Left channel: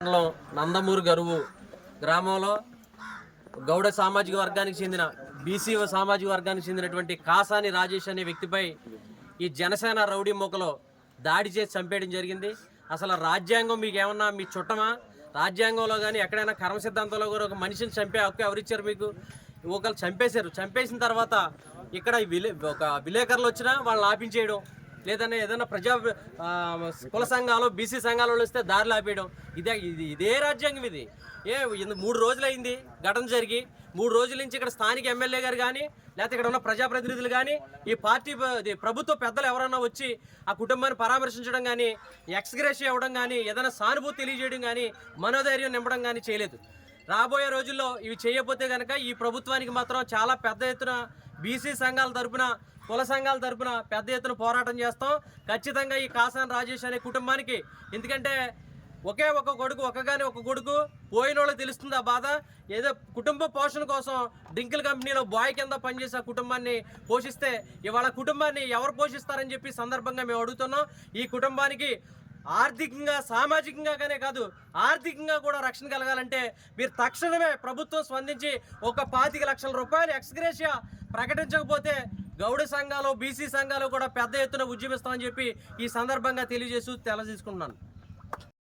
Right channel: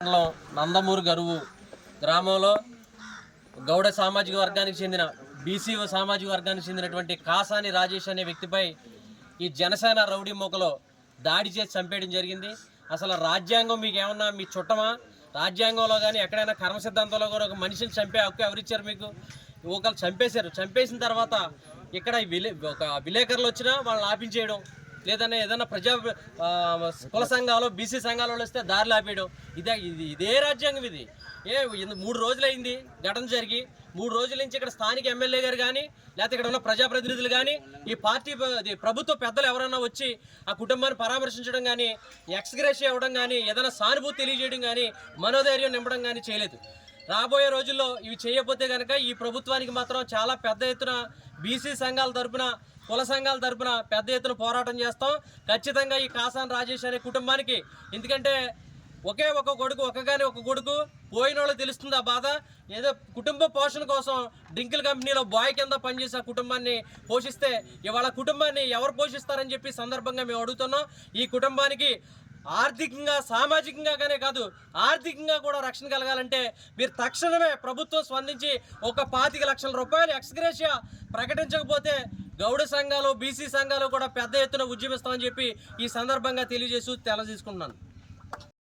మండలం నందమూరు గరువు గ్రామంలో గౌడ సామాజిక వర్గానికి చెందిన బీసీ సామాజిక వర్గానికి చెందినటువంటి కాసాని రాజేష్ అనే వ్యక్తిపై ఈ జనసేన రౌడీ మొక్కలో దాడి చేసి చంపేయడం జరిగింది. అసలు రాజ్యాంగం మీకు ఏమన్నా మీ చుట్టమా? రాజ్యాంగంలో కానీ ఎక్కడైనా కర్మ సిద్ధాంతంలో కూడా ఒక మనిషిని చంపే హక్కు ఎవరిచ్చారు మీకు? ఒకళ్ళు చంపేశారు. చంపేసిన తర్వాత ఇక్కడ ఈ విలే ఒక విలేకరులు వచ్చినా వాళ్ళని ఆపించేయడం. లేదన్నా ఏదైనా ప్రజా కుల సంఘాలు బీసీ సంఘాలు వస్తే దారిలో ఆపేయడం ఇదే ఇది ఇదే రాజ్యాంగం ఇది. ఏ మూడు రోజులైంది ఘటన జరిగి మూడు రోజుల నుంచి ఇక్కడ స్థానిక ఎమ్మెల్యే గారు కానీ లేకపోతే ఇక్కడ ఉన్న ప్రజాప్రతినిధులు కానీ ఈ పార్టీ ప్రభుత్వ పెద్దలు ఎవరైనా వచ్చి ఆ కుటుంబాన్ని పరామర్శించడం కానీ ఎక్స్గ్రేష్ ఇవ్వడం కానీ ఏదైనా సానుభూతి తెలియజేయడం కానీ మనోధైర్యం నింపడం కానీ చేయలేదు. రాబోయే రోజుల్లో ఇవి చేయకపోతే కనుక ఈ ప్రభుత్వానికి మాత్రం చాలా పెద్ద ఎత్తున బీసీ సంఘాల తరపున కుల సంఘాల తరపున పెద్ద ఎత్తున పోరాటం చేస్తాం. ఖచ్చితంగా ఈ కాసాన్ రాజేష్ అనే కుటుంబానికి ఎందుకంటే ఒకే ఒక కొడుకు ఒక్కగానే ఒక కొడుకు పోయిన వాళ్ళకి తెలుస్తుంది ఆ బాధ. ఏదో కుటుంబ పోషణ కోసం డింకిల్ కంపెనీలో బాయ్ కింద పనిచేసే ఆ కుటుంబాన్ని పోషిస్తే ఇవాళ కుటుంబాన్ని ఎవరు పోషిస్తారని చెప్పి సందర్భంగా మేము అడుగుతున్నాం. ఈ కుటుంబానికి ఆర్థికంగా సామాజికంగానే కాదు ఆర్థికంగా కూడా రక్షణ కలగాలంటే మీరు తక్షణమే ప్రభుత్వం స్పందించి ఒక పాతిక లక్షల రూపాయలు ఎక్స్గ్రేషియా ప్రకటించకపోతే గౌడ సంఘాలు బీసీ సంఘాలు కూడా పెద్ద ఎత్తున ఉద్యమిస్తామని చెప్పి ఈ సందర్భంగా తెలియజేస్తూ తెలదీసుకున్నాను